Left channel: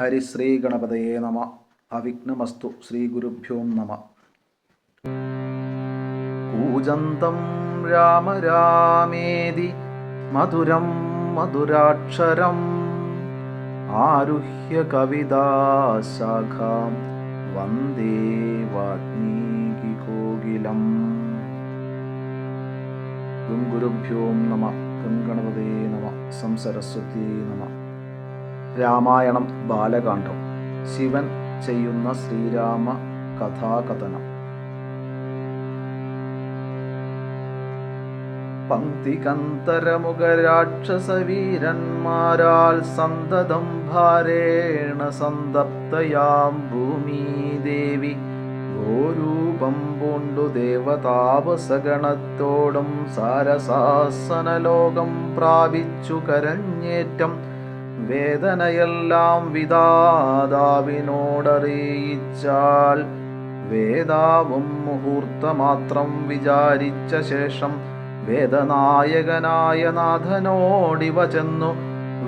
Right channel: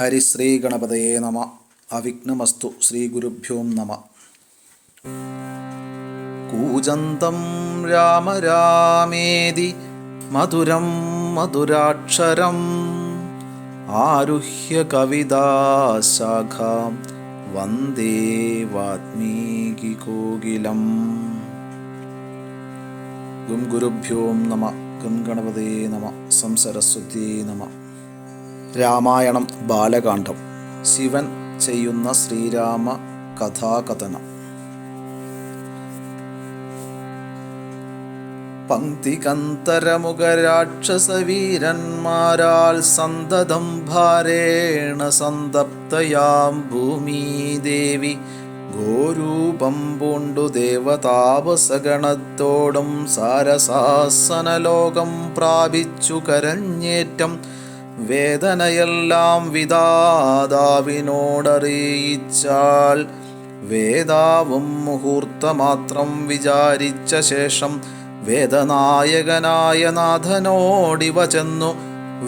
ഹരിശ്രീ ഗണപതയേ നമ. അവിഘ്നമസ്തു. ശ്രീ ഗുരുഭ്യോ നമ. കൂജന്തം രാമ രാമേതി മധുരം മധുരാക്ഷരം ആരുഹ്യ കവിതാശാഖാം വന്ദേ വാൽമീകികോകിലം. ഗുരുഭ്യോ നമ. ഗണപതേ നമ. സരസ്വതീ നമ. രാമായണം ബാലകാണ്ഡം. ശിവൻ ചെയ്യുന്ന ശ്രീരാമ കഥാകഥനം. പങ്ക്തികന്തരമുഖരാക്ഷസവീരന്മാരാൽ സന്തതം ഭാരേണ സന്തപ്തയാം ഭൂമിദേവി ഗോരൂപം പൂണ്ടു ദേവതാപസഗണത്തോടും സാരസാസനലോകം പ്രാപിച്ചു കരഞ്ഞേറ്റം വേദനയെല്ലാം വിധാതാവിനോടറിയിച്ചാൽ വേദാവും മുഹൂർത്തമാത്രം വിചാരിച്ച ശേഷം വേദനായകനായ നാഥനോടിവ ചെന്നു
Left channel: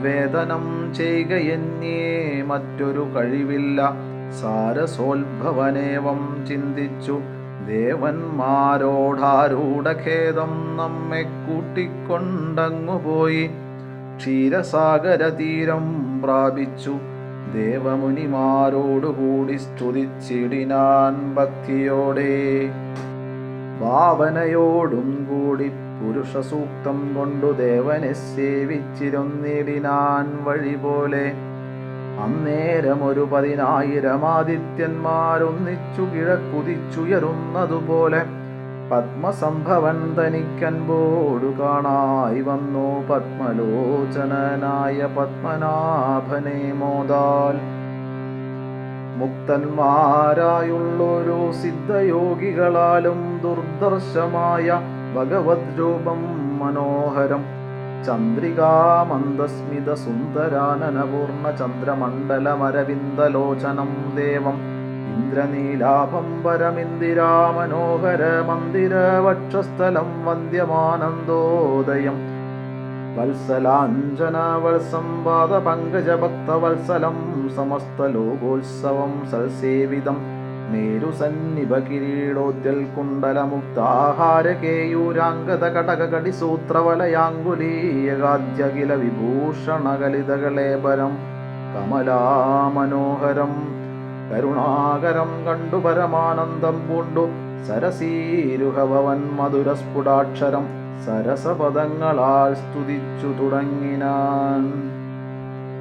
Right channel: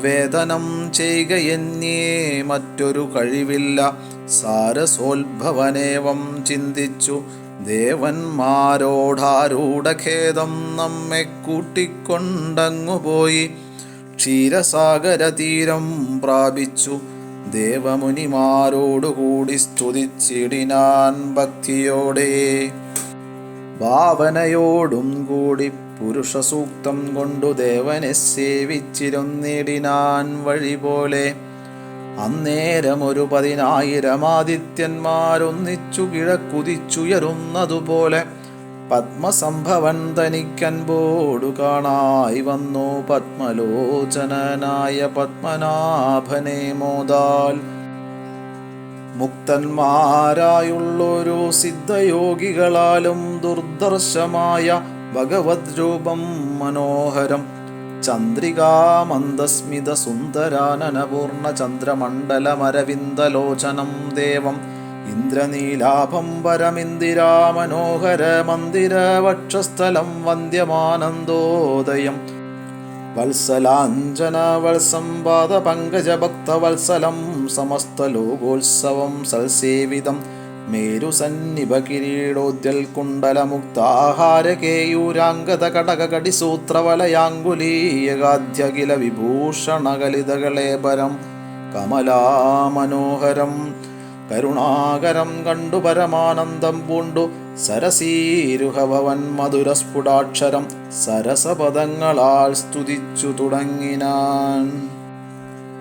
വേദനം ചെയ്യുകയെന്നേ മറ്റൊരു കഴിവില്ല. സാരസോത്ഭവനേവം ചിന്തിച്ചു ദേവന്മാരോടാരൂഢഖേദം നമ്മെ കൂട്ടിക്കൊണ്ടങ്ങുപോയി ക്ഷീരസാഗരതീരം പ്രാപിച്ചു ദേവമുനിമാരോടുകൂടി സ്തുതിച്ചിടിനാൻ ഭക്തിയോടെ. ഭാവനയോടും കൂടി പുരുഷസൂക്തം കൊണ്ടു ദേവനെ സേവിച്ചിരുന്നിടിനാൻ വഴി പോലെ. അന്നേരമൊരു 10,000 ആദിത്യന്മാരൊന്നിച്ചു കിഴക്കുതിച്ചുയരുന്നതുപോലെ പത്മസംഭവൻ തനിക്കൻപോടു കാണായി വന്നു പത്മലോചനനായ പത്മനാഭനെ മോദാൽ. മുക്തന്മാരായുള്ളൊരു സിദ്ധയോഗികളാലും ദുർദർശമായ ഭഗവത് രൂപം മനോഹരം ചന്ദ്രികാമന്ദസ്മിത സുന്ദരാനനപൂർണ ചന്ദ്രമണ്ഡലമരവിന്ദലോചനം ദേവം ഇന്ദ്രനീലാഭം പരമിന്ദിരാമനോഹര മന്ദിര വക്ഷസ്ഥലം വന്ദ്യമാനന്ദോദയം വത്സലാഞ്ജന വത്സംവാദ പങ്കജഭക്തവത്സലം സമസ്തലോകോത്സവം സൽസേവിതം മേരുസന്നിഭ കിരീടോദ്യൽ കുണ്ടലമുക്താഹാര കേയൂരാംഗത കടകടിസൂത്രവലയാങ്കുലീയഗാധ്യഖില വിഭൂഷണകലിതകളേപരം കമലാമനോഹരം കരുണാകരം കണ്ടു പരമാനന്ദം പൂണ്ടു സരസീരുഹഭവൻ മധുരസ്ഫുടാക്ഷരം സരസപദങ്ങളാൽ സ്തുതിച്ചു തുടങ്ങിനാൻ.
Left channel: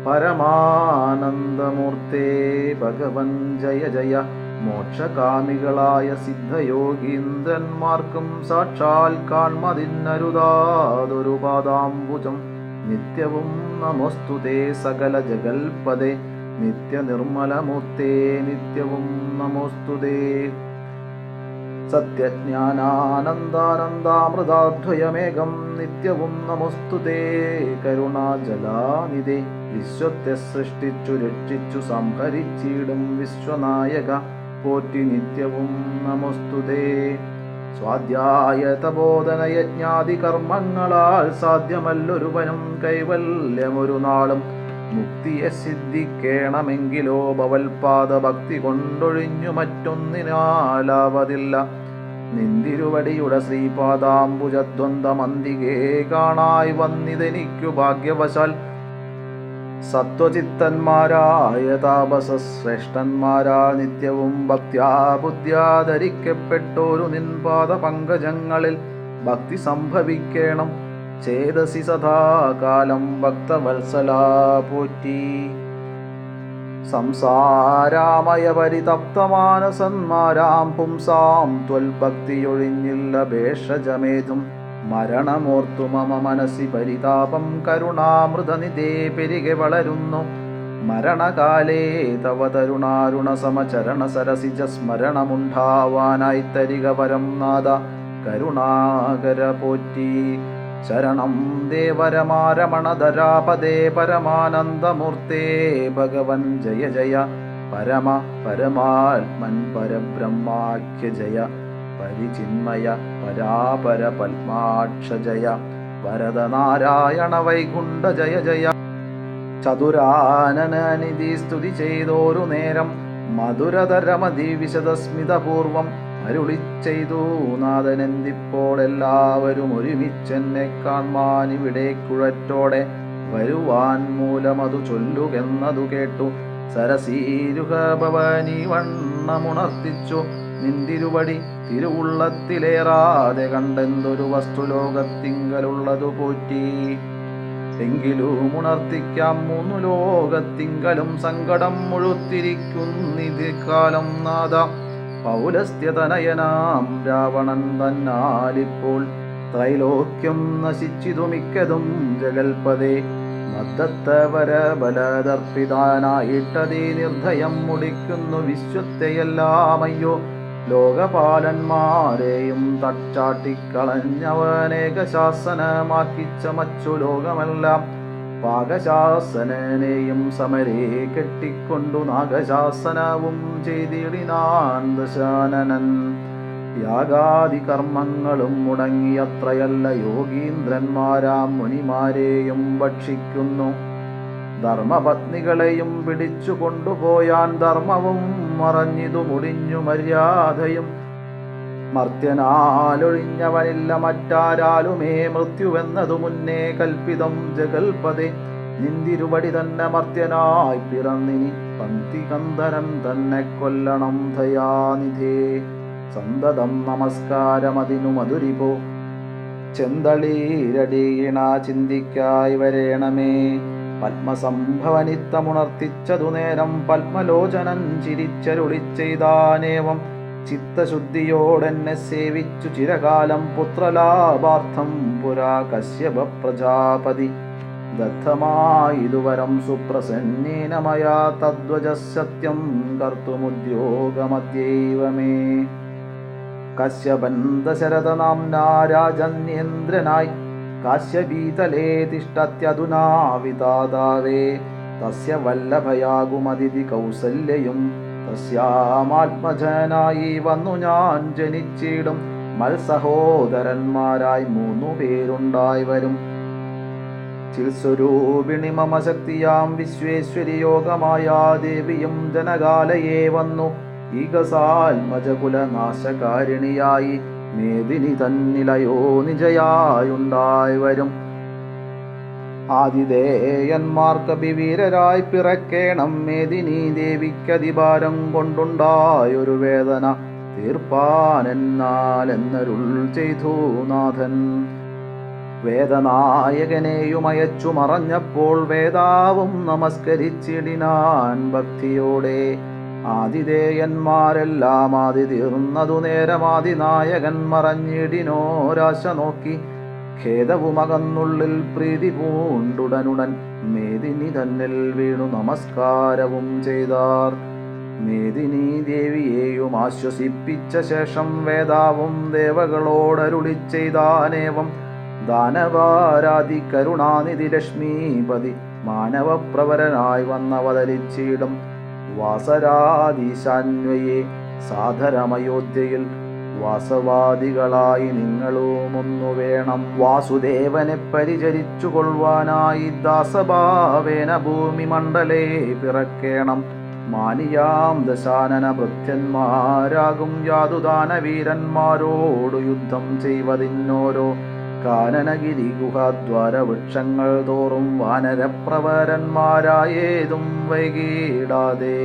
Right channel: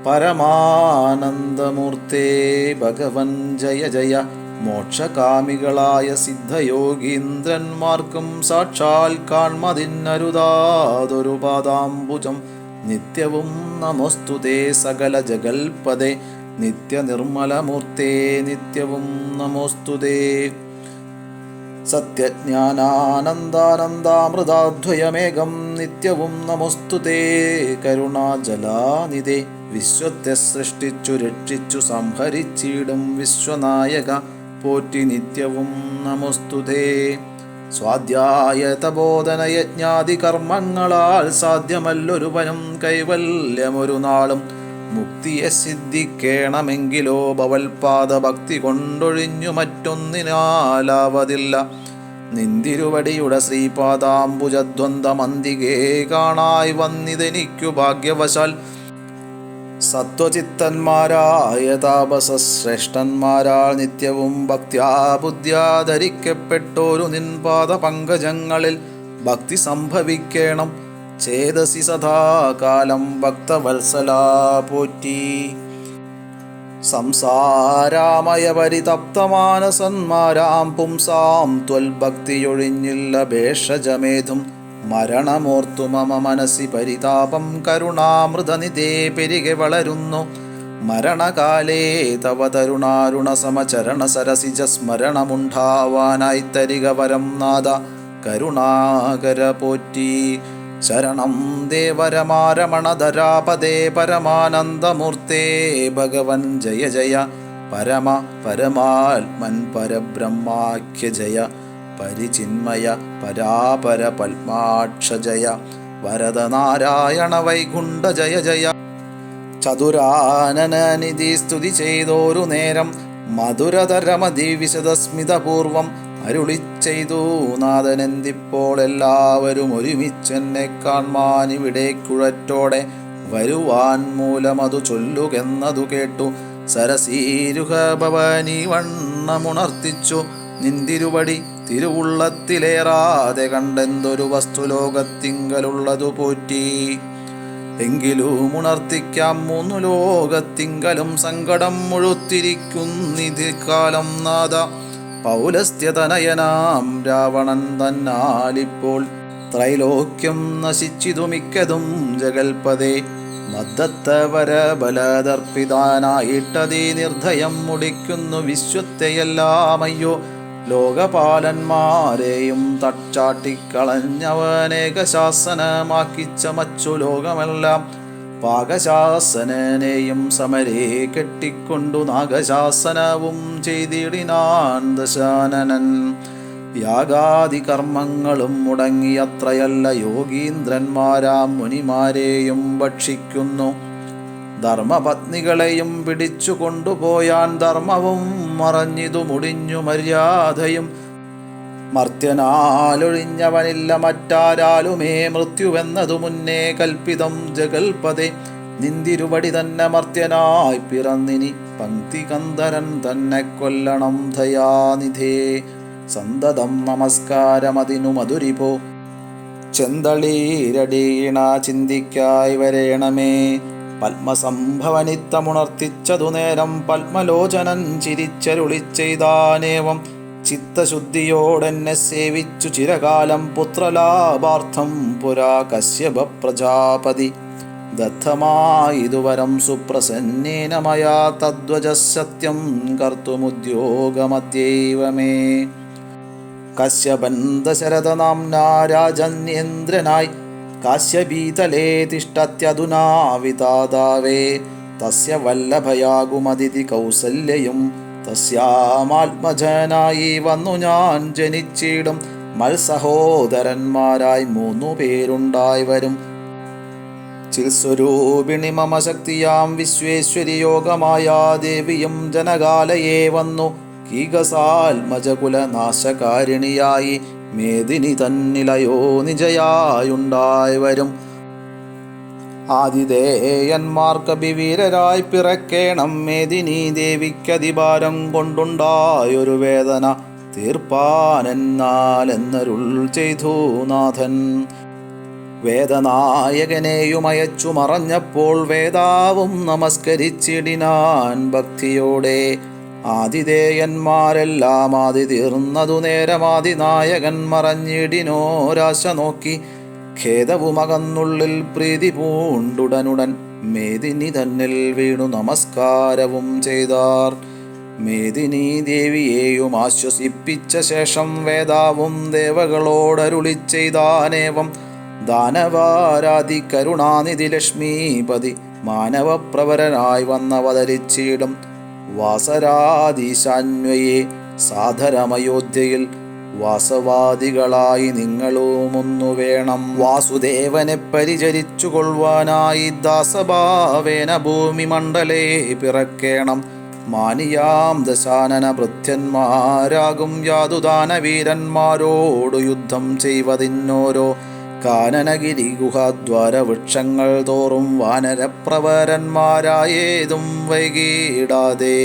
പരമാനന്ദമൂർത്തേ ഭഗവൻ ജയ ജയ. മോക്ഷകാമികളായ സിദ്ധയോഗീന്ദ്രന്മാർക്കും സാക്ഷാൽ കാൺമതിന്നരുതാതൊരു പാദാംബുജം നിത്യവും നമോസ്തുതേ സകല ജഗൽപദേ നിത്യനിർമ്മലമൂർത്തേ നിത്യവും നമോസ്തുതേ. സത്യജ്ഞാനാനന്ദാനന്ദാമൃതാദ്വയമേകം നിത്യവും നമോസ്തുതേ കരുണാജലാനിധേ. വിശ്വത്തെ സൃഷ്ടിച്ചു രക്ഷിച്ചു സംഹരിച്ചിടും വിശ്വനായക പോറ്റി നിത്യവും നമോസ്തുതേ. സ്വാധ്യായ തപോധന യജ്ഞാദി കർമ്മങ്ങളാൽ സാധ്യമല്ലൊരു വനം കൈവല്യമൊരു നാളും മുക്തിയെ സിദ്ധിക്കേണമെങ്കിലോ ഭവൽപാദ ഭക്തി കൊണ്ടൊഴിഞ്ഞു മറ്റൊന്നിനാലാവതില്ല. നിന്തിരുവടിയുടെ ശ്രീപാദാംബുജദ്വന്ദ്വമന്തികേ കാണായി വന്നിതെനിക്കു ഭാഗ്യവശാൽ. സത്വചിത്തന്മാരായ താപസശ്രേഷ്ഠന്മാരാൽ നിത്യവും ഭക്ത്യാ ബുദ്ധ്യാ ധരിക്കപ്പെട്ടോരു നിൻപാദ പങ്കജങ്ങളിൽ ഭക്തി സംഭവിക്കേണം ചേതസി സദാകാലം ഭക്തവത്സലാ പോറ്റി. സംസാരാമയ പരിതപ്തമാനസന്മാരാം പുംസാം ത്വൽഭക്തിയൊഴിഞ്ഞില്ല ഭേഷജമേതും മരണമോർത്തു മമ മനസ്സി പരിതാപം കരുണാമൃതനിധേ പെരുകെ വളരുന്നു. മരണകാലേ തവ തരുണാരുണ സമചരണ സരസിജ സ്മരണമുണ്ടാവാനായി തരിക വരം നാദ കരുണാകര പോറ്റി. ശരണം ദേവരമാരമണധരാപദേ പരമാനന്ദമൂർത്തേ ഭഗവൻ ജയ ജയ. പരമ പരമാത്മൻ പരബ്രഹ്മാഖ്യ ജയ. പരിചിന്മയ പരാപര പത്മാക്ഷ ജയ. വരദനാരായണ വൈകുണ്ഠ ജയ ജയ. ചതുരാനനനിധി സ്തുതി ചെയ്തോരു നേരം മധുരതരമതി വിശദസ്മിതപൂർവം അരുളി ചെയ്തു നാഥനെന്തിപ്പോൾ എല്ലാവരും ഒരുമിച്ചെന്നെ കാൺമാൻ ഇവിടെ കുഴറ്റോടെ വരുവാൻ മൂലമതു ചൊല്ലുകെന്നതു കേട്ടു. സരസീരുഹ ഭവാനി വണ്ണമുണർത്തിച്ചു നിന്തിരുവടി തിരുവുള്ളത്തിലേറാതെ കണ്ടെന്തൊരു വസ്തു ലോകത്തിങ്കലുള്ളതു പോറ്റി. എങ്കിലും ഉണർത്തിക്കാം മൂന്നു ലോകത്തിങ്കലും സങ്കടം മുഴുത്തിരിക്കുന്നിത് കാലം നാഥ. പൗലസ്ത്യതനയനാം രാവണൻ തന്നാലിപ്പോൾ ത്രൈലോക്യം നശിച്ചിതു മിക്കതും ജഗൽപദേ. മദ്ദത്തവരബലദർപ്പിതാനായിട്ടതീ നിർദ്ധയം മുടിക്കുന്നു വിശ്വത്തെയെല്ലാമയ്യോ. ലോകപാലന്മാരെയും തച്ചാട്ടിക്കളഞ്ഞവനേകശാസനമാക്കി ചമച്ചു ലോകമെല്ലാം. പാകശാസനനെയും സമരേ കെട്ടിക്കൊണ്ടു നാഗശാസനവും ചെയ്തിടിനാൻ ദശാനനൻ. യാഗാദി കർമ്മങ്ങളും മുടങ്ങിയത്രയല്ല യോഗീന്ദ്രന്മാരാം മുനിമാരെയും ഭക്ഷിക്കുന്നു. ധർമ്മപത്നികളെയും പിടിച്ചു കൊണ്ടുപോയാൻ ധർമ്മവും മറഞ്ഞിതു മുടിഞ്ഞു മര്യാദയും. മർത്യനാലൊഴിഞ്ഞവനില്ല മറ്റാരാലുമേ മൃത്യുവെന്നതു മുന്നേ കൽപ്പിതം ജഗൽപദേ. നിന്തിരുവടി തന്നെ മർത്യനായി പിറന്നിനി പങ്ക്തി കന്ദരൻ തന്നെ കൊല്ലണം ദയാനിധേ. സന്തതം നമസ്കാരമതിനു മധുരിപോ ചെന്തളീരടീണ ചിന്തിക്കായി വരേണമേ. പത്മസംഭവനിത്തമുണർത്തിച്ചതു നേരം പത്മലോചനൻ ചിരിച്ചരുളി ചെയ്താനേവം. ചിത്തശുദ്ധിയോടെന്നെ സേവിച്ചു ചിരകാലം പുത്രലാഭാർത്ഥം പുരാ കശ്യപ പ്രജാപതി. ദത്തമായിതുവരം സുപ്രസന്നേന മയാ തദ്വജസത്യം കർത്തുമുദ്യോഗമദ്യൈവ മേ. കശ്യപൻ ദശരഥനാംനാ രാജന്യേന്ദ്രനായി കാശ്യപീതലേ തിഷ്ടത്യധുനാ വിതാതാവേ. തസ്യ വല്ലഭയാകുമതിഥി കൗസല്യയും തസ്യാമാത്മജനായി വന്നു ഞാൻ ജനിച്ചിടും. മത്സഹോദരന്മാരായി 3 പേരുണ്ടായി വരും. ചിൽസ്വരൂപിണി മമ ശക്തിയാം വിശ്വേശ്വരി യോഗമായാ ദേവിയും ജനകാലയേ വന്നു. കീകസാൽമജകുലനാശകാരിണിയായി മേദിനി തന്നിലയോ നിജയായുണ്ടായി വരും. ആതിഥേയന്മാർക്കഭിവീരരായി പിറക്കേണം മേദിനി ദേവിക്കതിഭാരം കൊണ്ടുണ്ടായൊരു വേദന തീർപ്പാനെന്നാലെന്നരുൾ ചെയ്തു നാഥൻ. വേദനായകനെയും അയച്ചു മറഞ്ഞപ്പോൾ വേദാവും നമസ്കരിച്ചിടിനാൻ ഭക്തിയോടെ. ആതിഥേയന്മാരെല്ലാം ആദി തീർന്നതു നേരമാതിനായകൻ മറഞ്ഞിടിനോരാശ നോക്കി. ഖേദവുമകന്നുള്ളിൽ പ്രീതി പൂണ്ടുടനുടൻ മേദിനി തന്നിൽ വീണു നമസ്കാരവും ചെയ്താർ. മേദിനി ദേവിയെയും ആശ്വസിപ്പിച്ച ശേഷം വേദാവും ദേവകളോടരുളി ചെയ്താനേവം. ദാനവാരാധി കരുണാനിധി ലക്ഷ്മീപതി മാനവപ്രവരനായി വന്നവതരിച്ചിടും. വാസരാധീശാന്വയെ സാധരമയോധ്യയിൽ വാസവാദികളായി നിങ്ങളുമൊന്നു വേണം. വാസുദേവനെ പരിചരിച്ചു കൊള്ളുവാനായി ദാസഭാവേന ഭൂമി മണ്ഡലേ പിറക്കേണം. മാനിയാം ദശാനന ഭൃത്യന്മാരാകും യാതുദാനവീരന്മാരോടു യുദ്ധം ചെയ്വതിന്നോരോ കാനനഗിരി ഗുഹാദ്വാര വൃക്ഷങ്ങൾ തോറും വാനരപ്രവരന്മാരായേതും വൈകിടാതെ.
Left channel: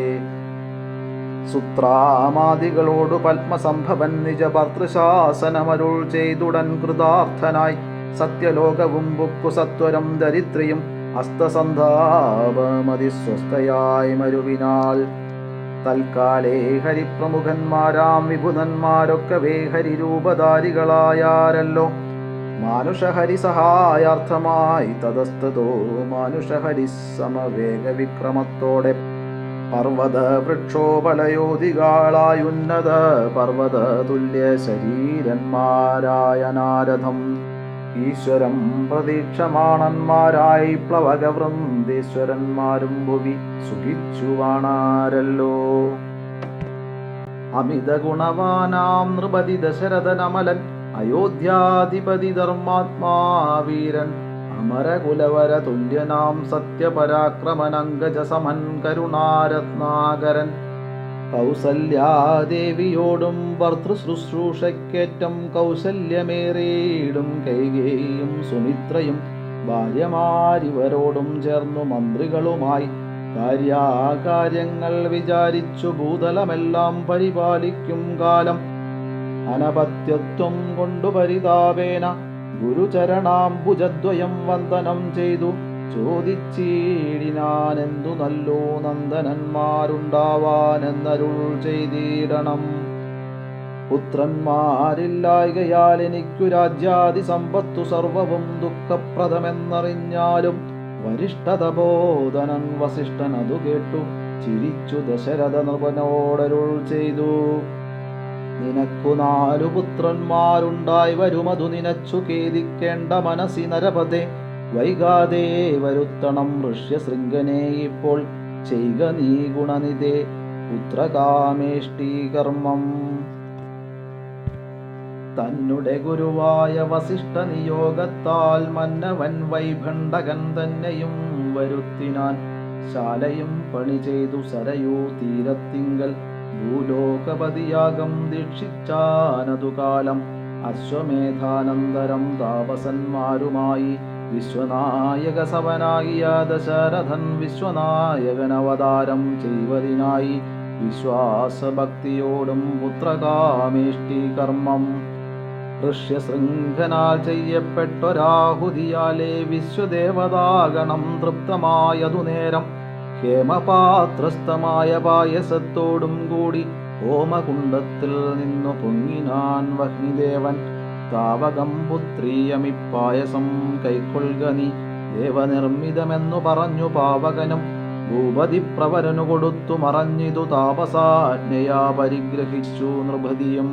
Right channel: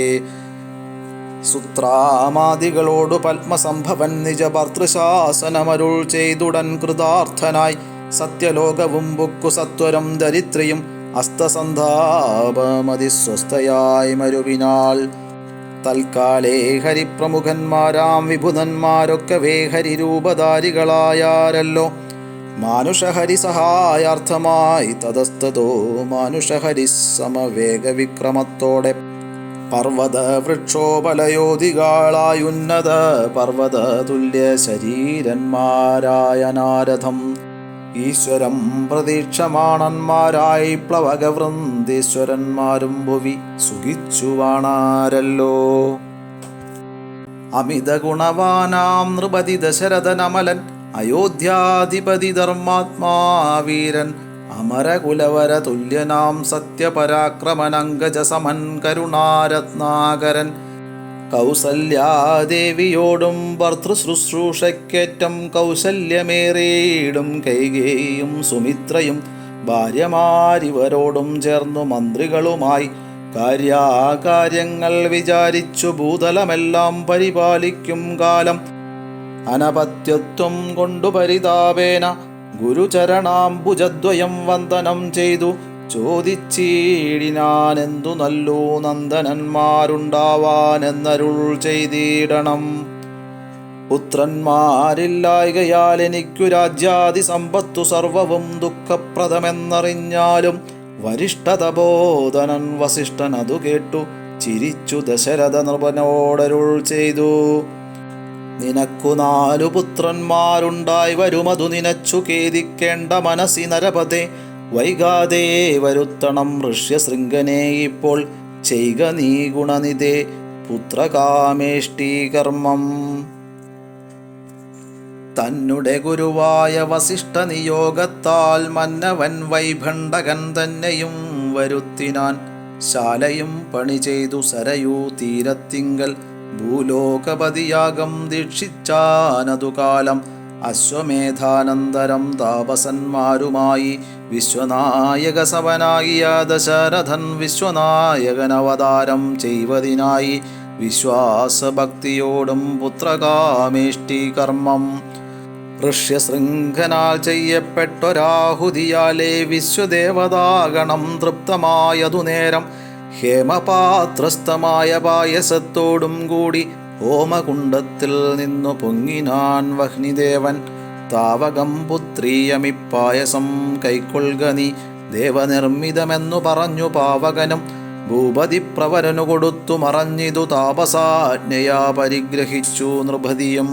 സുത്രാമാദികളോടു പത്മസംഭവൻ നിജഭർത്തൃശാസനമരുൾ ചെയ്തുടൻ കൃതാർത്ഥനായി. സത്യലോകവും ബുക്കു സത്വരം ദരിദ്രയും ഹസ്തസന്ധാപമതിസ്വസ്ഥയായി മരുവിനാൾ. തൽക്കാലേ ഹരിപ്രമുഖന്മാരാം വിഭുധന്മാരൊക്കവേ ഹരിരൂപധാരികളായാരല്ലോ. മാനുഷഹരി സഹായാർത്ഥമായി തതസ്തോ മാനുഷഹരി സമവേഗവിക്രമത്തോടെ പർവ്വത വൃക്ഷോപലയോധികളായുന്നത പർവ്വത തുല്യ ശരീരന്മാരായ നാരദം. ഈശ്വരം പ്രതീക്ഷമാണന്മാരായി പ്ലവകവൃന്ദീശ്വരന്മാരും ഭുവി സുഖിച്ചു വാണാരല്ലോ. അമിത ഗുണവാനാം നൃപതി ദശരഥനമലൻ അയോധ്യാധിപതി ധർമാത്മാ വീരൻ അമരകുലവര തുല്യനാം സത്യപരാക്രമനങ്കജസമൻ കരുണാരത്നാകരൻ കൗസല്യാദേവിയോടും ഭർതൃശുശ്രൂഷയ്ക്കേറ്റം കൗശല്യമേറിയിടും കൈകേയും സുമിത്രയും ഭാര്യമാരിവരോടും ചേർന്നു മന്ത്രികളുമായി കാര്യങ്ങൾ വിചാരിച്ചു ഭൂതലമെല്ലാം പരിപാലിക്കും കാലം അനപത്യത്വം കൊണ്ടു പരിതാപേന ഗുരുചരണാംബുജദ്വയം വന്ദനം ചെയ്തു ചോദിച്ചിടിനാനെന്തു നല്ലു നന്ദനന്മാരുണ്ടാവാനെന്നരുൾ ചെയ്തിടണം. പുത്രന്മാരില്ലായകയാൽ എനിക്കു രാജ്യാദി സമ്പത്തു സർവവും ദുഃഖപ്രദമെന്നറിഞ്ഞാലും വരിഷ്ഠതബോധനൻ വസിഷ്ഠൻ അതു കേട്ടു ചിരിച്ചു ദശരഥ നൃപനോടരുൾ ചെയ്തു. നിനക്കു 4 പുത്രന്മാരുണ്ടായി വരുമതു നിനച്ചു ഖേദിക്കേണ്ട മനസ്സി നരപതേ. വൈകാതെ വരുത്തണം ഋഷ്യശൃംഖനെ ഇപ്പോൾ ചെയ്ക നീ ഗുണനിധേ പുത്രകാമേഷ്ടീകർമ്മം. തന്നെ ഗുരുവായ വസിഷ്ഠ നിയോഗത്താൽ മന്നവൻ വൈഭണ്ഡകൻ തന്നെയും വരുത്തിനാൻ. ശാലയും പണി ചെയ്തു സരയൂ തീരത്തിങ്കൽ ഭൂലോകപതിയാകം ദീക്ഷിച്ചാനതുകാലം. അശ്വമേധാനന്തരം താപസന്മാരുമായി വിശ്വനായകസവനാകിയ ദശരഥൻ വിശ്വനായകനവതാരം ചെയ്വതിനായി വിശ്വാസഭക്തിയോടും പുത്രകാമേഷ്ടീകർമ്മം. ഋഷ്യശൃംഖനാൽ ചെയ്യപ്പെട്ടൊരാഹുതിയാലേ വിശ്വദേവതാഗണം തൃപ്തമായതു നേരം ഹേമപാത്രസ്ഥമായ പായസത്തോടും കൂടി ഹോമകുണ്ഡത്തിൽ നിന്നു പൊങ്ങിനാൻ വഹ്നിദേവൻ. താവകം പുത്രീയമിപ്പായസം കൈക്കൊള്ളുക നീ ദേവനിർമ്മിതമെന്നു പറഞ്ഞു പാവകനും ഭൂപതി പ്രവരനു കൊടുത്തു മറഞ്ഞിതു താപസാജ്ഞയാ പരിഗ്രഹിച്ചു നൃപതിയും.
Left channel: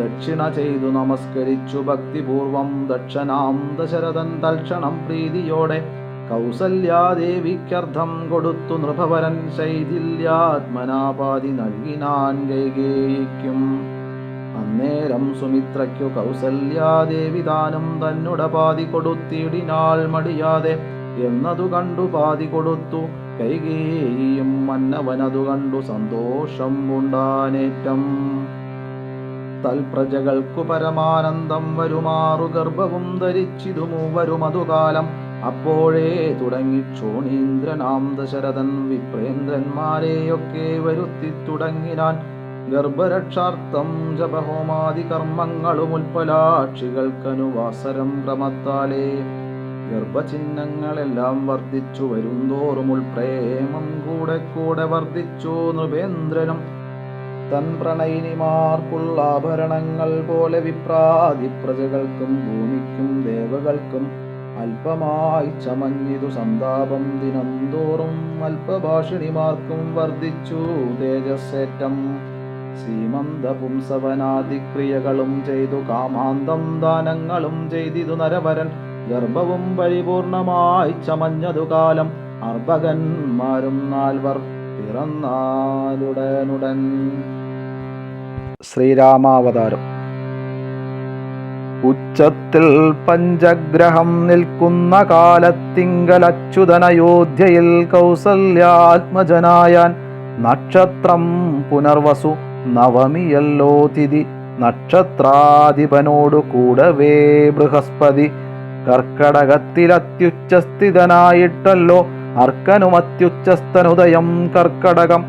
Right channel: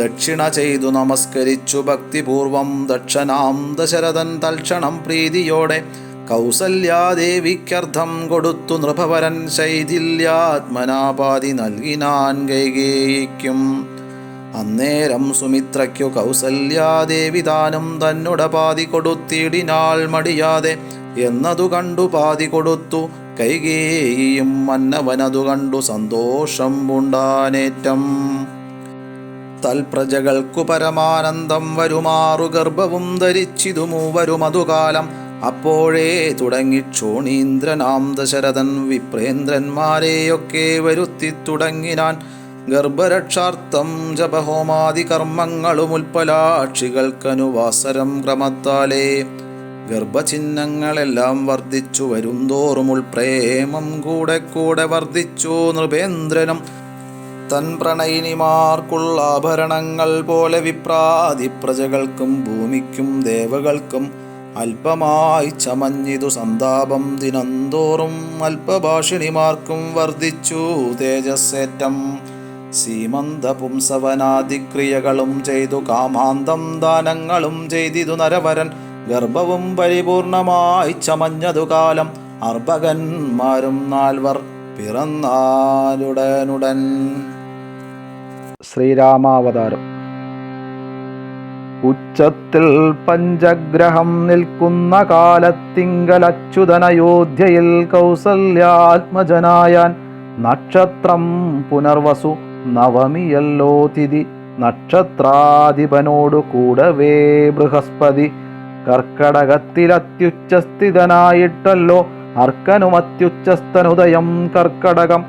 ദക്ഷിണ ചെയ്തു നമസ്കരിച്ചു ഭക്തിപൂർവം ദക്ഷനാം ദശരഥൻ തൽക്ഷണം പ്രീതിയോടെ കൗസല്യാദേവിക്കർത്ഥം കൊടുത്തു നൃപവരൻ ശൈഥില്യാത്മനാപാതി നൽകിനാൻ കൈകേയിക്കും. അന്നേരം സുമിത്രയ്ക്കു കൗസല്യാദേവി ദാനം തന്നുടെ പാതി കൊടുത്തിടിനാൾ മടിയാതെ എന്നതു കണ്ടു പാതി കൊടുത്തു കൈകേയിയും. മന്നവനതു കണ്ടു സന്തോഷം പൂണ്ടാനേറ്റം. തൽപ്രജകൾക്കു പരമാനന്ദം വരുമാറു ഗർഭവും ധരിച്ചിതു മൂവരുമതുകാലം. അപ്പോഴേ തുടങ്ങി ക്ഷോണീന്ദ്രനാം ദശരഥൻ വിപ്രേന്ദ്രന്മാരെയൊക്കെ വരുത്തി തുടങ്ങിനാൻ. ഗർഭരക്ഷാർത്ഥം ജപഹോമാദി കർമ്മങ്ങളും ഉൽപ്പലാക്ഷികൾക്കനുവാസരം ക്രമത്താലേ ഗർഭചിഹ്നങ്ങളെല്ലാം വർദ്ധിച്ചു വരുംതോറും ഉൾപ്രേമം കൂടെ കൂടെ വർദ്ധിച്ചു നൃപേന്ദ്രനും. തൻ പ്രണയിനിമാർക്കുള്ള ആഭരണങ്ങൾ പോലെ വിപ്രാതി പ്രജകൾക്കും ഭൂമിക്കും ദേവകൾക്കും അല്പമായി ചമഞ്ഞിതു സന്താപം ദിനംതോറും അല്പഭാഷിണിമാർക്കും വർദ്ധിച്ചു തേജസ്സേറ്റം. സീമന്ത പുംസവനാദിക്രിയകളും ചെയ്തു കാമാന്തം ദാനങ്ങളും ചെയ്തിതു നരവരൻ ഗർഭവും പരിപൂർണമായി ചമഞ്ഞതു കാലം. അർഭകന്മാരും 4 പിറന്നാലുടനുടൻ. ശ്രീരാമാവതാരം. ഉച്ചത്തിൽ പഞ്ചഗ്രഹം നിൽക്കുന്ന കാലത്തിങ്കലച്യുതനയോധ്യയിൽ കൗസല്യാത്മജനായാൻ. നക്ഷത്രം പുനർവസു നവമിയല്ലോ തിഥി. നക്ഷത്രാധിപനോടു കൂടവേ ബൃഹസ്പതി. കർക്കടകത്തിലത്യുച്ചസ്ഥിതനായിട്ടല്ലോ അർക്കനുമത്യുച്ചസ്ഥനുദയം കർക്കടകം.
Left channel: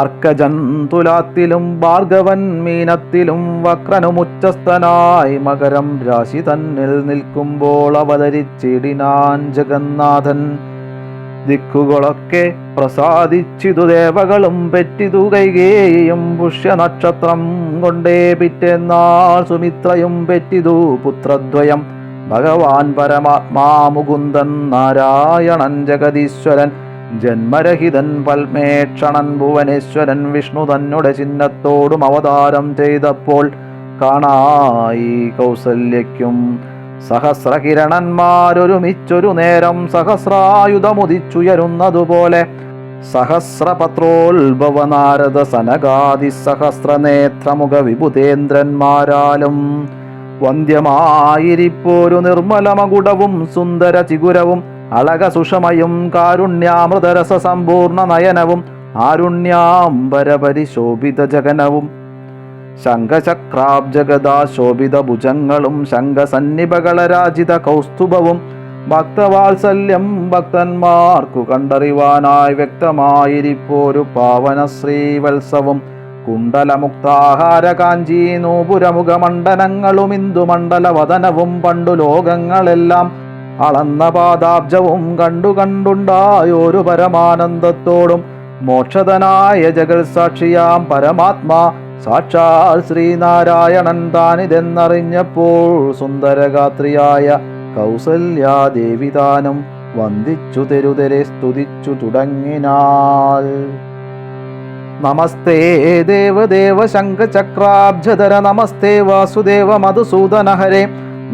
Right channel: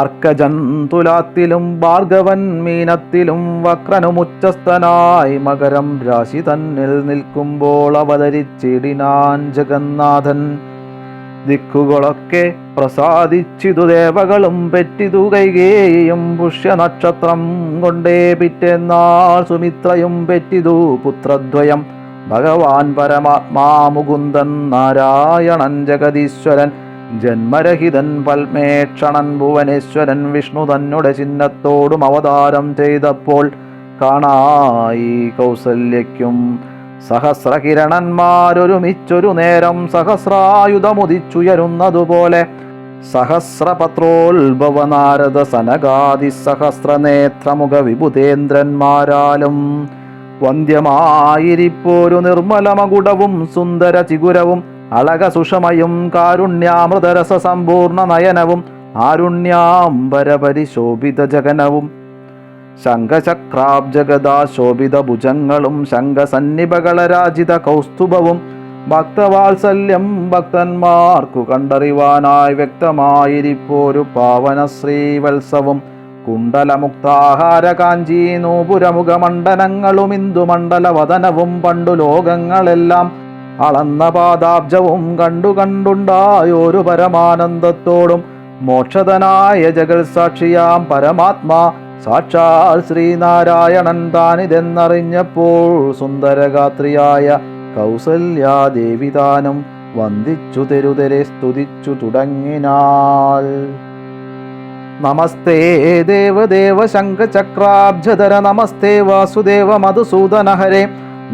അർക്കജൻ തുലാത്തിലും ഭാർഗവൻ മീനത്തിലും വക്രനുമുച്ചസ്ഥനായി മകരം രാശി തന്നിൽ നിൽക്കുമ്പോൾ അവതരിച്ചിടിനാൻ ജഗന്നാഥൻ. ദിക്കുകളൊക്കെ പ്രസാദിച്ചിതു ദേവകളും പെറ്റിതു കൈകേയിയും. പുഷ്യനക്ഷത്രം കൊണ്ടേ പിറ്റേന്നാൾ സുമിത്രയും പെറ്റിതു പുത്രദ്വയം. ഭഗവാൻ പരമാത്മാ മുകുന്ദൻ നാരായണൻ ജഗദീശ്വരൻ ജന്മരഹിതൻ പൽമേക്ഷണൻ ഭുവനേശ്വരൻ വിഷ്ണു തന്നുടെ ചിഹ്നത്തോടും അവതാരം ചെയ്തപ്പോൾ കാണായി കൗസല്യയ്ക്കും. സഹസ്രകിരണന്മാരൊരുമിച്ചൊരു നേരം സഹസ്രായുധമുദിച്ചുയരുന്നതുപോലെ സഹസ്രപത്രോത്ഭവ നാരദ സനകാദി സഹസ്രനേത്രമുഖ വിഭുതേന്ദ്രന്മാരാലും വന്ധ്യമായിരിപ്പോരു നിർമ്മലമകുടവും സുന്ദര ചിഗുരവും അളക സുഷമയും കാരുണ്യാമൃതരസ സമ്പൂർണ്ണ നയനവും ആരുണ്യാംബരപരിശോഭിത ജഗനവും ശംഖചക്രാബ്ജഗദാ ശോഭിത ഭുജങ്ങളും ശംഖസന്നിഭകളരാജിത കൗസ്തുഭവും ഭക്തവാത്സല്യം ഭക്തന്മാർക്കു കണ്ടറിവാനായി വ്യക്തമായിരിപ്പോരു പാവന ശ്രീവത്സവും കുണ്ടലമുക്താഹാര കാഞ്ചി നൂപുരമുഖമണ്ഡനങ്ങളും ഇന്ദുമണ്ഡലവദനവും പണ്ടു ലോകങ്ങളെല്ലാം അളന്ന പാദാബ്ജവും കണ്ടുണ്ടായോരു പരമാനന്ദത്തോടും മോക്ഷതനായ ജഗത്സാക്ഷിയാം പരമാത്മാ സാക്ഷാൽ ശ്രീനാരായണൻ താനിതെന്നറിഞ്ഞപ്പോൾ സുന്ദരഗാത്രിയായ കൗസല്യാദേവി താനും വന്ദിച്ചു തെരുതെരെ സ്തുതിച്ചു തുടങ്ങിനാൾ. നമസ്തേ ദേവദേവ ശംഖചക്രാബ്ജധര നമസ്തേ വാസുദേവ മധുസൂദനഹരേ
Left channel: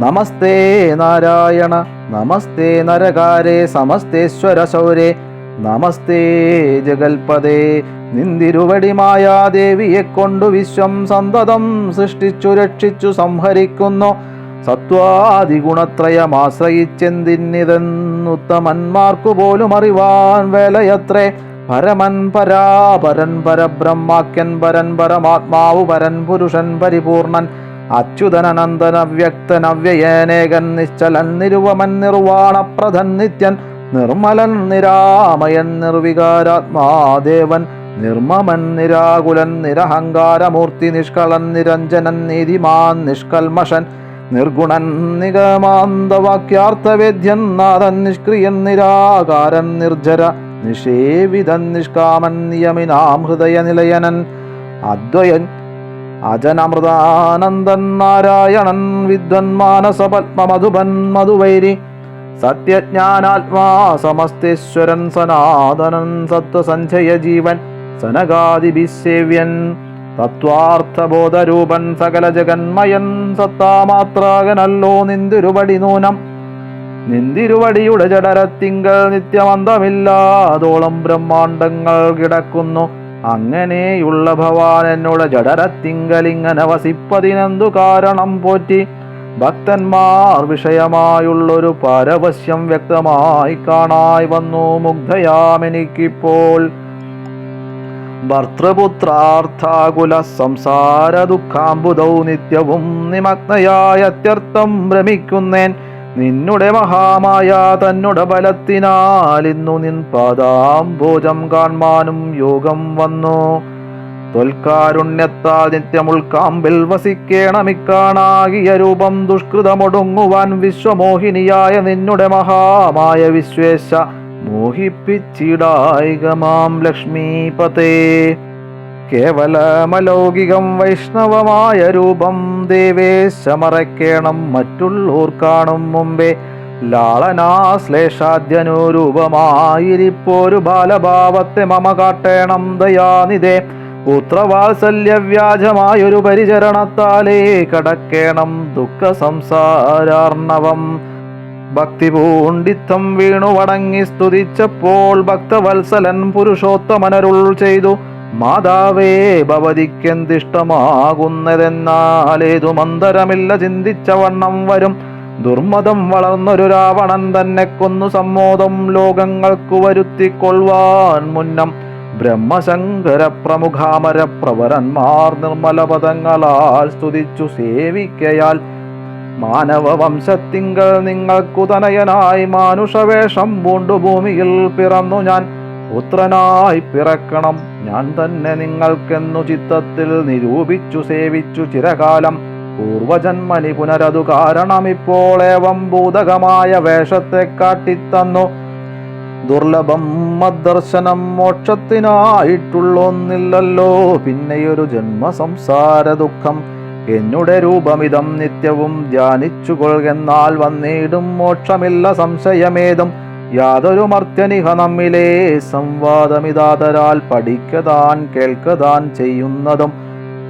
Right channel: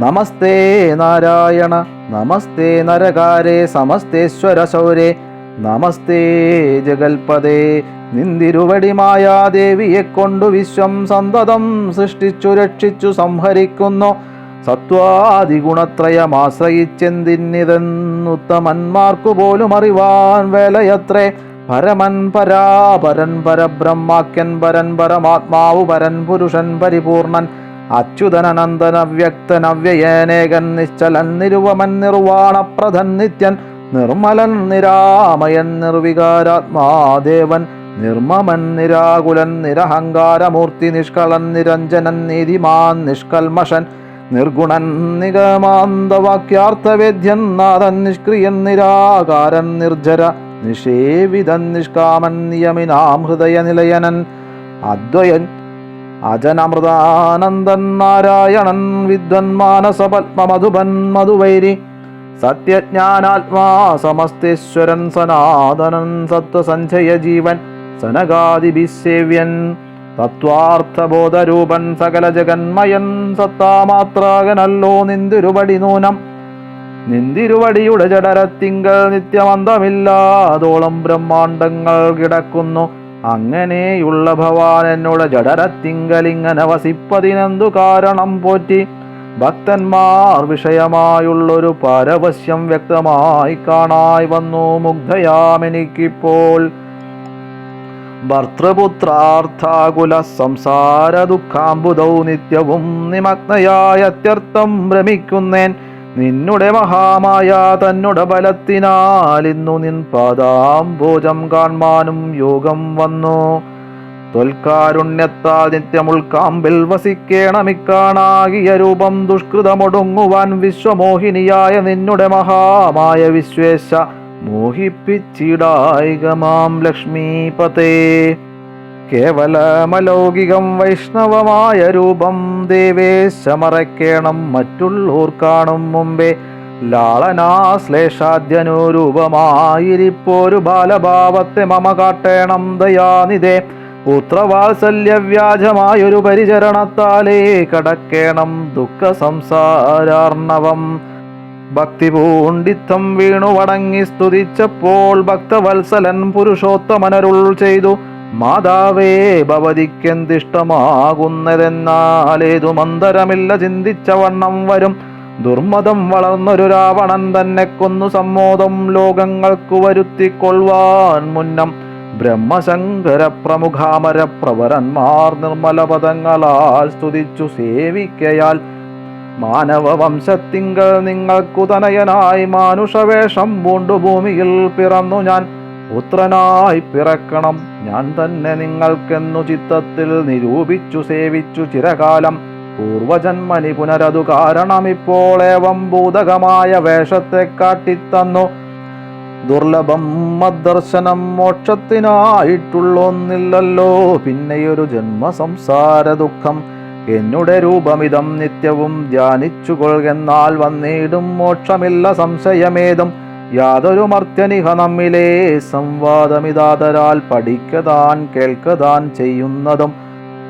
നമസ്തേ നാരായണ നമസ്തേ നരകാരേ സമസ്തേശ്വര ശൗരേ നമസ്തേ ജഗൽപദേ. നിന്തിരുവടി മായാദേവിയെ കൊണ്ടു വിശ്വം സന്തതം സൃഷ്ടിച്ചു രക്ഷിച്ചു സംഹരിക്കുന്നു സത്വാദിഗുണത്രയമാശ്രയിച്ചെന്തിന്നിതെന്നുത്തമന്മാർക്കു പോലും അറിവാൻ വേലയത്രേ. പരമൻ പരാപരൻ പരബ്രഹ്മാക്യൻ പരൻ പരമാത്മാവു പരൻ പുരുഷൻ പരിപൂർണൻ അച്യുതനനന്ദന വ്യക്തൻ അവ്യയേനേകൻ നിശ്ചലൻ നിരുവമൻ നിർവാണപ്രധൻ നിത്യൻ നിർമ്മലൻ നിരാമയൻ നിർവികാരാത്മാദേവൻ നിർമ്മമൻ നിരാകുലൻ നിരഹങ്കാരമൂർത്തി നിഷ്കളൻ നിരഞ്ജനൻ നീതിമാൻ നിഷ്കൽമഷൻ നിർഗുണൻ നിഗമാന്തവാക്യാർത്ഥവേദ്യൻ നാഥൻ നിഷ്ക്രിയൻ നിരാകാരൻ നിർജര നിഷേവിതൻ നിഷ്കാമൻ നിയമിനാം ഹൃദയ നിലയനൻ അദ്വയൻ അജനമൃതാനന്ദൻ നാരായണൻ വിദ്വൻ മാനസപത്മമധുപൻ മധുവൈരി സത്യജ്ഞാനാത്മാ സമസ്തേശ്വരൻ സനാതനൻ സത്വസഞ്ജയ ജീവൻ സനകാദിഭിസേവ്യൻ തത്വാർത്ഥബോധരൂപൻ സകല ജഗന്മയൻ സത്താമാത്രാകനല്ലോ നിന്തിരുവടി നൂനം. നിന്തിരുവടിയുടെ ജഡരത്തിങ്കൽ നിത്യമന്തമില്ലാതോളം ബ്രഹ്മാണ്ടങ്ങൾ കിടക്കുന്നു. അങ്ങനെയുള്ള ഭവാൻ എന്നോട് ജഡരത്തിങ്കലിങ്ങനെ വസിപ്പതിനെന്തു കാരണം പോറ്റി. ഭക്തന്മാർ വിഷയമായുള്ളൊരു പാരവശ്യം വ്യക്തമായി കാണായി വന്നു മുഗ്ധയാമെനിക്കിപ്പോൾ. ഭർത്തൃപുത്രാർത്ഥാകുല സംസാര ദുഃഖാംബുദൗ നിത്യവും നിമഗ്നയായ അത്യർത്ഥം ഭ്രമിക്കുന്നേൻ. നിന്നുടെ മഹാമായ തന്നുടെ ബലത്തിനാൽ ഇന്നു നിൻ പാദാംബോജം കാൺമാനും യോഗം വന്നു. ത്വൽക്കാരുണ്യത്താൽ നിത്യമുൾക്കാമ്പിൽ വസിക്കേണമിക്കാണാകിയ രൂപം ദുഷ്കൃതമൊടുങ്ങുവാൻ വിശ്വമോഹിനിയായ നിന്നുടെ മഹാമായ വിശ്വേശ മോഹിപ്പിച്ചിടായികമാം ലക്ഷ്മീപതേ. കേവലമലൗകികം വൈഷ്ണവമായ രൂപം ദേവേശമറയ്ക്കേണം മറ്റുള്ളോർ കാണും മുമ്പേ. ലാളനാശ്ലേഷാദ്യനുരൂപമായിരിപ്പോരു ബാലഭാവത്തെ മമ കാട്ടേണം ദയാനിധേ. പുത്രവാത്സല്യവ്യാജമായൊരു പരിചരണത്താലേ കടക്കേണം ദുഃഖ സംസാരാർണവം. ഭക്തി പൂണ്ടിത്തം വീണു വണങ്ങി സ്തുതിച്ചപ്പോൾ ഭക്തവത്സലൻ പുരുഷോത്തമനരുൾ ചെയ്തു. മാതാവേ ഭവതിക്കെന്തിഷ്ടമാകുന്നതെന്നാലേതു മന്ദരമില്ല ചിന്തിച്ച വണ്ണം വരും. ദുർമതം വളർന്നൊരു രാവണൻ തന്നെ കൊന്നു സമ്മോദം ലോകങ്ങൾക്കു വരുത്തിക്കൊള്ളുവാൻ മുന്നം. ബ്രഹ്മശങ്കര പ്രമുഖാമര പ്രവരന്മാർ നിർമ്മല പദങ്ങളാൽ സ്തുതിച്ചു സേവിക്കയാൽ മാനവവംശത്തിങ്കൽ നിങ്ങൾക്കു തനയനായി മാനുഷവേഷം പൂണ്ടു ഭൂമിയിൽ പിറന്നു ഞാൻ. പുത്രനായി പിറക്കണം ഞാൻ തന്നെ നിങ്ങൾക്കെന്നു ചിത്തത്തിൽ നിരൂപിച്ചു സേവിച്ചു ചിരകാലം. പൂർവജന്മനി പുനരതു കാരണമിപ്പോളേവം ഭൂതകമായ വേഷത്തെ കാട്ടിത്തന്നു. ദുർലഭം മദ്ദർശനം മോക്ഷത്തിനായിട്ടുള്ളൊന്നില്ലല്ലോ പിന്നെയൊരു ജന്മസംസാര ദുഃഖം. എന്നുടെ രൂപമിതം നിത്യവും ധ്യാനിച്ചുകൊള്ളുകെന്നാൽ വന്നിടും മോക്ഷമില്ല സംശയമേതും. യാതൊരു മർത്യനിഹ നമ്മിലെ സംവാദമിതാതരാൽ പഠിക്കതാൻ കേൾക്കതാൻ ചെയ്യുന്നതും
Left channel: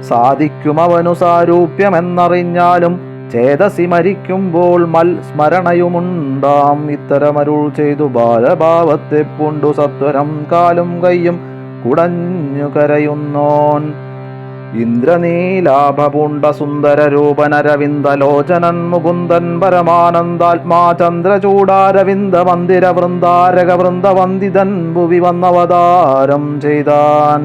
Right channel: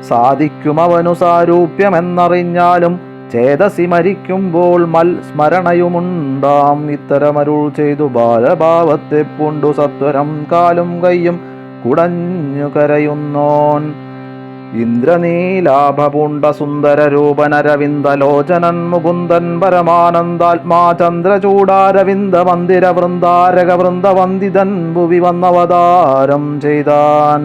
സാധിക്കുമവനു സാരൂപ്യമെന്നറിഞ്ഞാലും ചേതസി മരിക്കുമ്പോൾ സ്മരണയുമുണ്ടാം. ഇത്തരമരുൾ ചെയ്തു ബാലഭാവത്തെ പൂണ്ടു സത്വരം കാലും കയ്യും കുടഞ്ഞു കരയുന്നോൻ. ഇന്ദ്രനീലാഭപുണ്ട സുന്ദരരൂപനരവിന്ദലോചനൻ മുകുന്ദൻ പരമാനന്ദാത്മാ ചന്ദ്രചൂടാരവിന്ദ മന്ദിര വൃന്ദാരക വൃന്ദവന്ദിതൻ ഭുവി വന്നവതാരം ചെയ്താൻ.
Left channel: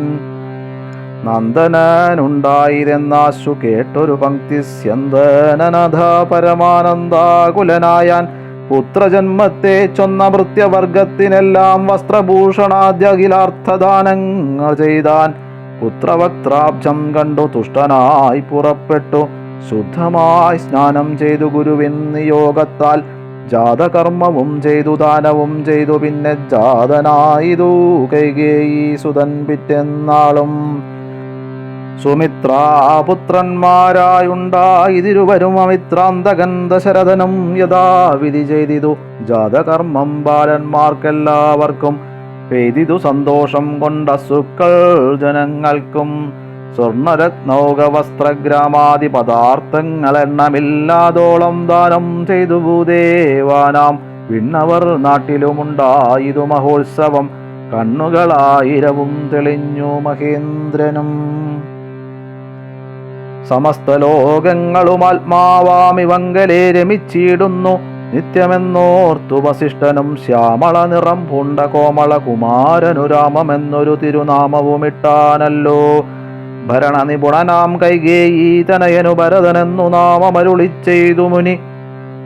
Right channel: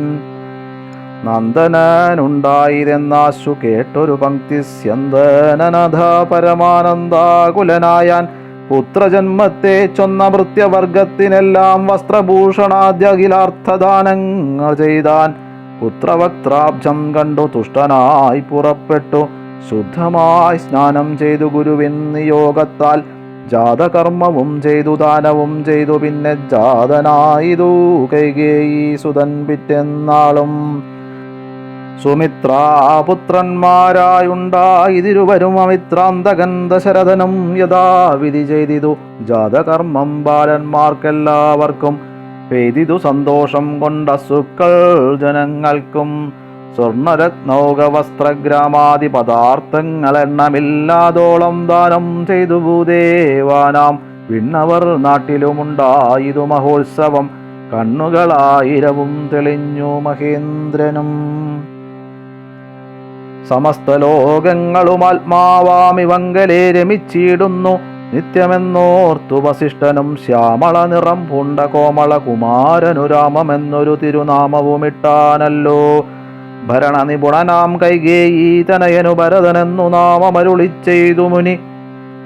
നന്ദനനുണ്ടായിരെന്നാശു കേട്ടൊരു പങ്ക്തി സ്യന്ദനനഥ പരമാനന്ദാകുലനായാൻ പുത്രജന്മത്തെ ചൊന്ന ഭൃത്യവർഗത്തിനെല്ലാം വസ്ത്രഭൂഷണാദ്യഖിലാർത്ഥദാനങ്ങൾ ചെയ്താൻ. പുത്രവക്ത്രാബ്ജം കണ്ടു തുഷ്ടനായി പുറപ്പെട്ടു ശുദ്ധമായി സ്നാനം ചെയ്തു ഗുരുവിൻ നിയോഗത്താൽ ജാതകർമ്മവും ചെയ്തു ദാനവും ചെയ്തു പിന്നെ ജാതനായിതു കൈകേയി സുതൻ പിറ്റെന്നാളും. സുമിത്രാപുത്രന്മാരായുണ്ടായിരുവരും അമിത്രാന്തകൻ ദശരഥനും യഥാവിധി ചെയ്തിതു ജാതകർമ്മം ബാലന്മാർക്കെല്ലാവർക്കും പെയ്തിതു സന്തോഷം കൊണ്ട സുക്കൾ ജനങ്ങൾക്കും. സ്വർണരത്നൗക വസ്ത്രഗ്രാമാദി പദാർത്ഥങ്ങൾ എണ്ണമില്ലാതോളം ദാനം ചെയ്തു ഭൂദേവാനാം വിണ്ണവർ നാട്ടിലുമുണ്ടായിതു മഹോത്സവം. കണ്ണുകളായിരവും തെളിഞ്ഞു മഹേന്ദ്രനും. സമസ്ത ലോകങ്ങളും ആത്മാവാമിവങ്കലെ രമിച്ചിടുന്നു നിത്യമെന്നോർത്തു വസിഷ്ഠനും ശ്യാമള നിറം പൂണ്ട കോമള കുമാരനു രാമമെന്നൊരു തിരുനാമവുമിട്ടാനല്ലോ. ഭരണനിപുണനാം കൈകേയി തനയനു ഭരതനെന്നു നാമമരുളി ചെയ്തു മുനി.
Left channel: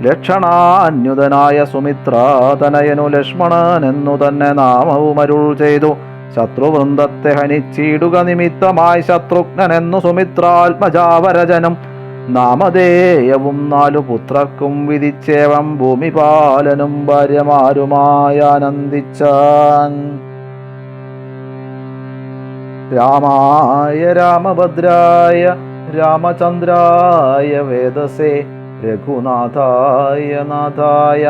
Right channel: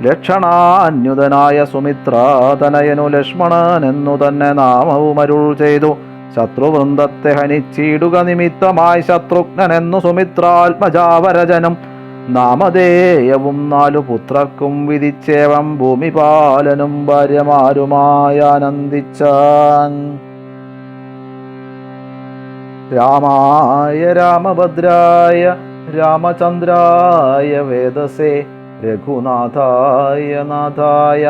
ലക്ഷണാന്യുതനായ സുമിത്ര തനയനു ലക്ഷ്മണനെന്നു തന്നെ നാമവുമരുൾ ചെയ്തു. ശത്രുവൃന്ദത്തെ ഹനിച്ചിടുക നിമിത്തമായി ശത്രുഘ്നെന്നു സുമിത്രാത്മജാവരജനും നാമധേയവും 4 പുത്രർക്കും വിധിച്ചേവം ഭൂമിപാലനും ഭാര്യമാരുമായി ആനന്ദിച്ചാൻ. രാമായ രാമഭദ്രായ രാമചന്ദ്രായ വേദസേ രഘുനാഥായ നാഥായ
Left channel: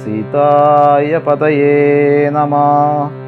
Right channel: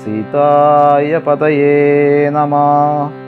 സീതായ പതയേ നമഃ.